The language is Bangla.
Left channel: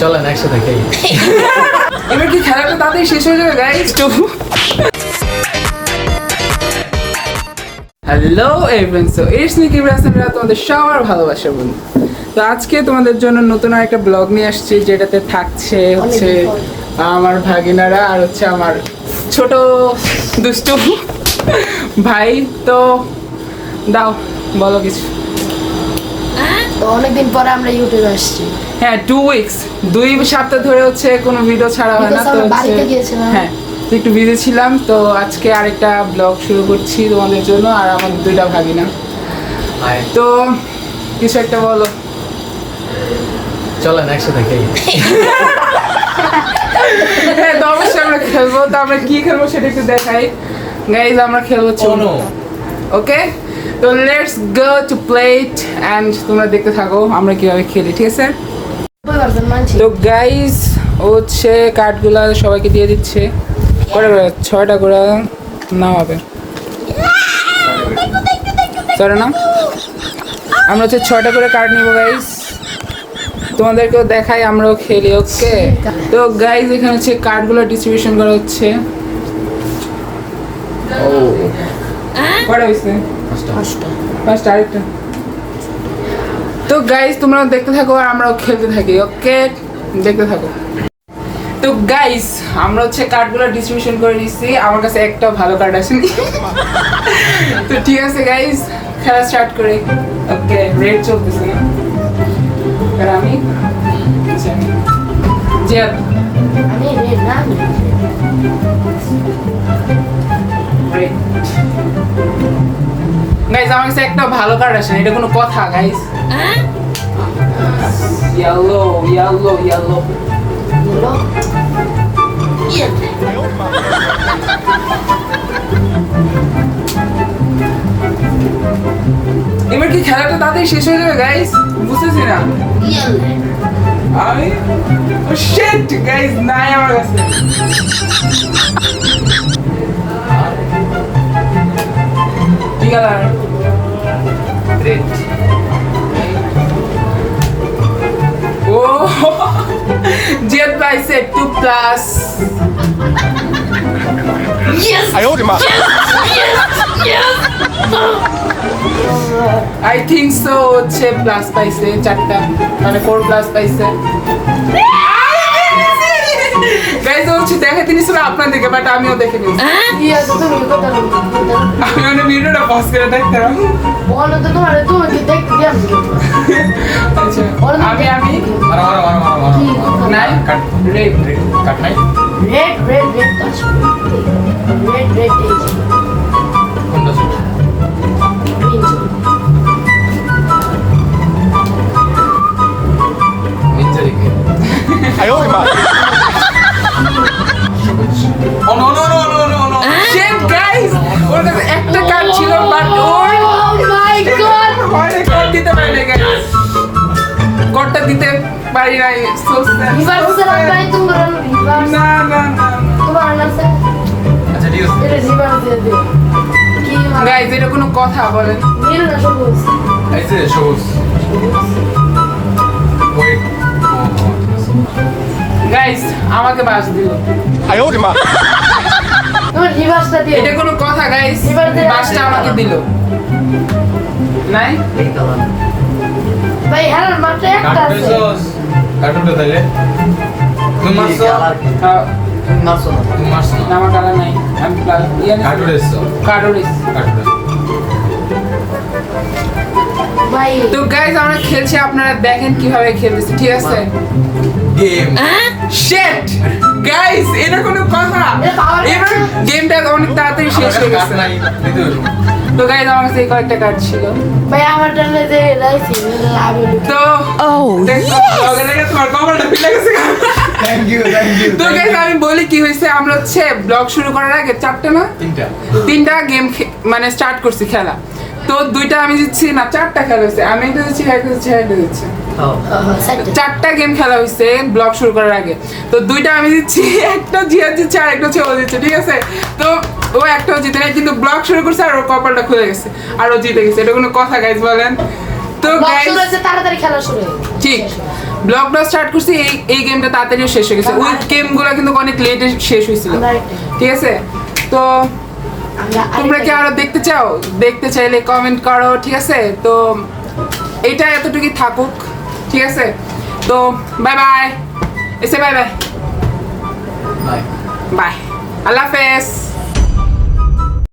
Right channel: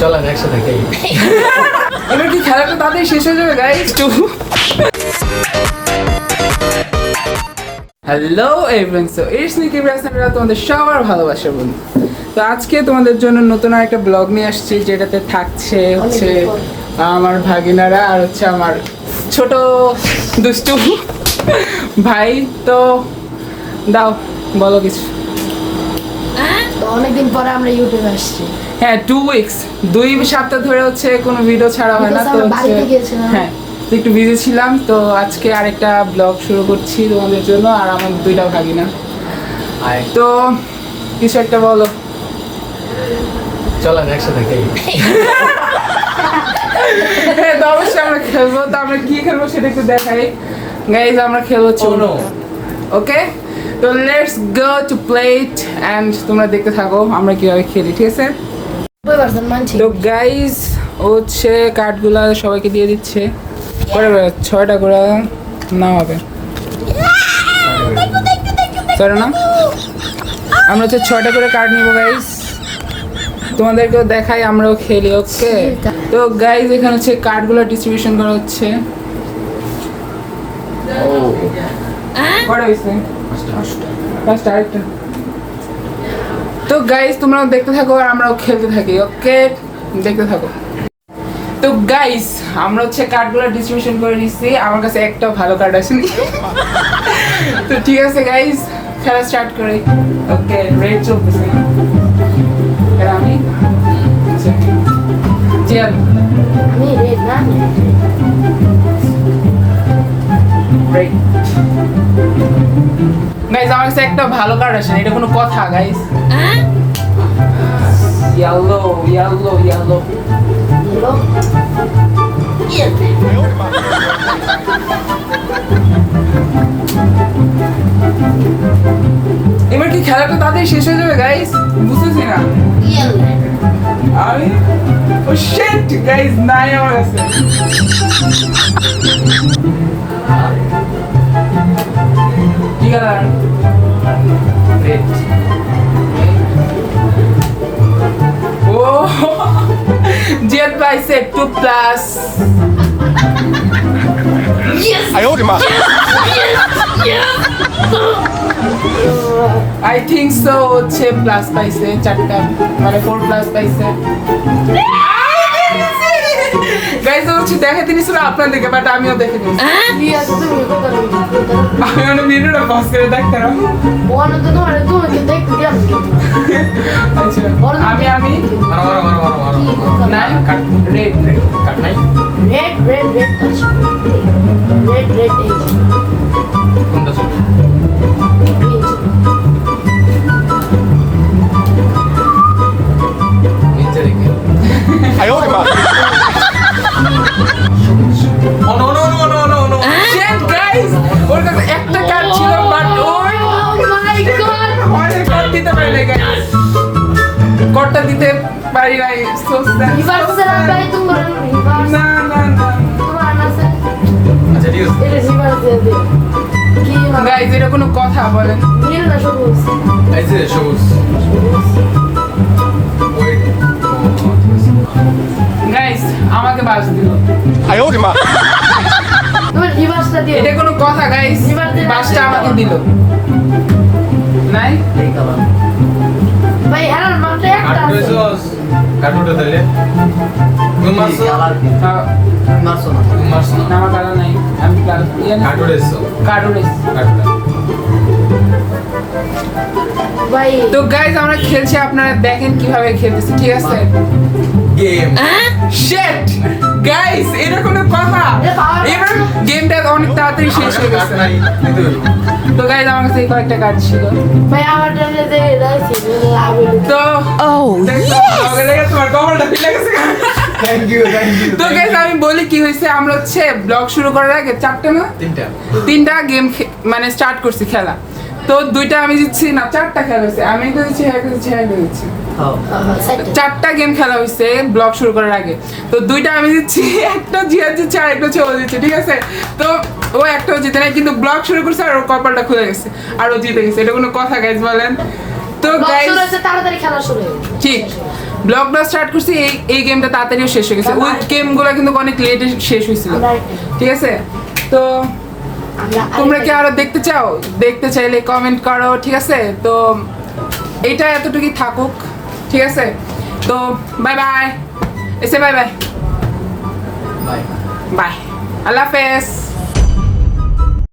চলেন একসাথে খেলি। এবার কি খেলাটা তাড়াতাড়ি শেষ হয়ে যাবে guys? Hello everyone, so it's me কিবরাসন, তোমাদের সবার ভালোবাসার বন্ধু। তো আজকে তোমাদের জন্য নতুন একটা ব্লগ নিয়ে আসছি, যেটাতে থাকছে হচ্ছে আমার ভাগিনারা আর হচ্ছে আমার ছোট দুষ্টু ভাই। তো দাও বলো কিছু। অনেকদিন পরে আমরা ইউটিউবে আসছি। হ্যাঁ, 2 উইকস, 2 সপ্তাহ ধরে হচ্ছে কোনো ভিডিও ছাড়া হয় না। তো হচ্ছে হ্যাঁ, তো একটু বিজি ছিলাম। তো আজকে আরেকটা ব্লগ শুরু করছি তোমাদের জন্য আর আমার 2টা ভাগিনা। তো কিছু একটা বলো। চলেন একসাথে খেলি। হ্যাঁ, তো অবশ্যই আমরা খেলবো। তো আমরা কি খেলবো সেটা একটু দেখাই গাইজ। আমরা খেলবো হচ্ছে ওকে। তো let's go to play it and তোমরা দেখতে থাকো আমরা কিভাবে খেলি, ঠিক আছে? তো গাইজ হচ্ছে কার্ডগুলা সবাইকে দিয়ে দিচ্ছে, করে 6টা করে নাও হবে সরে না। আমরা হচ্ছে 6টা করে কার্ড নিবো গাইজ, তোমাদেরকেও দেখাই আমরাও খেলি। ওকে, তো গাইজ এখানে হচ্ছে কার্ডগুলো ডিস্ট্রিবিউশন করা হচ্ছে। কটা হয়েছে? 5টা, আরেকটা। তো গাইজ তোমরাও দেখতে থাকো আর আমরাও খেলতে থাকি। ওকে, দেখতে থাকো। তো গাইজ আমরা হচ্ছে কার্ডগুলো ডিস্ট্রিবিউশন করে দিচ্ছি, আমার কাছে একটা ভালো কার্ড আসেনি। তো ঠিক আছে গাইজ, খেলা স্টার্ট করে। ওকে, রেড চলতেছে। আমি জিয়াদ, আমি রেড না, রেড। গাইজ আমার কাছে একটা ভালো কার্ড আসেনি, এটা কোনো কথা গাইজ? Yellow yellow yellow. এবার কি খেলাটা তাড়াতাড়ি শেষ হয়ে যাবে গাইস? বুঝতেছি না আমি। ও শিট গাইস, নাই আমার কাছে। কি কালার? রেড। ও জিয়াদ পাইছে 2+। আই থিঙ্ক সো হচ্ছে প্লাস পাইছে 4টা, মানে 4+ পাইছে গাইজ। হচ্ছে দেখাতে নিছিল আপনাদেরকে, বাট আমিও দেখে নিয়েছি। আমি মানে ভিডিওটা পজ করে দেখতাম। আচ্ছা, আমি নাই রেড রেড কাট নাই। Red red red red red কোনটা ছিল? নিচে দেখি। Oh no no no no no no shit guys, ওর কাছে একটা কার্ড ছিল বাট ওর হয় কার্ড দিতে পারে না গাইস, কার্ডটা দিতে পারি নাই। সো না না না আচ্ছা ঠিক আছে। গাইস, এটা কোনো কথা বলেন? এই যে সবুজ। ওয়েট। গাইস আমাকে বাস দিল। এটা কোনো কথা গাইস? বাসটা আমাকে দিল নাই। এই কালার। ভাই এর মাত্র একটা কাট আছে। করেছস? কাট উঠে দিলে। তুমি মারছো? তুমি মারছো না? তুমি মারছো না? না, আমার কালার নাই। আমি প্লাস কাট উঠেছো? কার্ড উড়েছি। কাট উঠে। ভাই তো গাইস আমরা খেলছি, আপনারা দেখেন কিভাবে খেলতেছি, ঠিক আছে? গেম। শিট গাইস, এটা কোনো কথা? এবার গেমটা অনেক তাড়াতাড়ি শেষ হয়ে গেছে। তো গাইস আমার কাছে এই কয়েকটা কার্ড ছিল। ভাই আমার টানে যে রাইছি লাভে তো তোমার কপালটা ফিলে গেছে। Thank you thank you. তো গাইস আমি বলি কি হয়েছে, আমরা হচ্ছে ব্লগ শুরু করার আগে 4টা না 3টা গেম মানে স্টার্ট করছি খেলা। তো 2টা আমি জিতছি, না 4টা খেলা হয়েছে, আমি একটা জিতছি, একটা জিতছি, একটা জিতছি। 4টা গেম খেলা হয়েছে ব্লগ শুরু করার আগে। তো 2টা আমি জিতছি, একটা জিয়াদ জিতছে আর একটা ছেলে জিতছে, ঠিক আছে? তো ও একটাও জিতে নাই, কিন্তু ব্লগ শুরু করছে আর ওর কপালটা খুলে গেছে আর ও জিতে গেছে। এটা কোনো কথা গাইস বলেন? তো গাইস শুরু হচ্ছে তাড়াতাড়ি খেলা শুরু হয়ে গেছে। ঠিক ব্লগটা স্টার্ট করছি এই গেমটা তাড়াতাড়ি শেষ হয়ে গেছে ওই গেমগুলো কিন্তু অনেক লেটে শেষ হয়েছিল আমরা আরেকটা- ঠিক আছে তো তোমরা কি আরো দেখতে চাও দেখতে চাইলে কমেন্ট করো ঠিক আছে তো এটা এতটুকুই থাকুক ঠিক আছে তো বাই বাই এসে বাই বাই বাই বাই আল্লাহ হাফেজ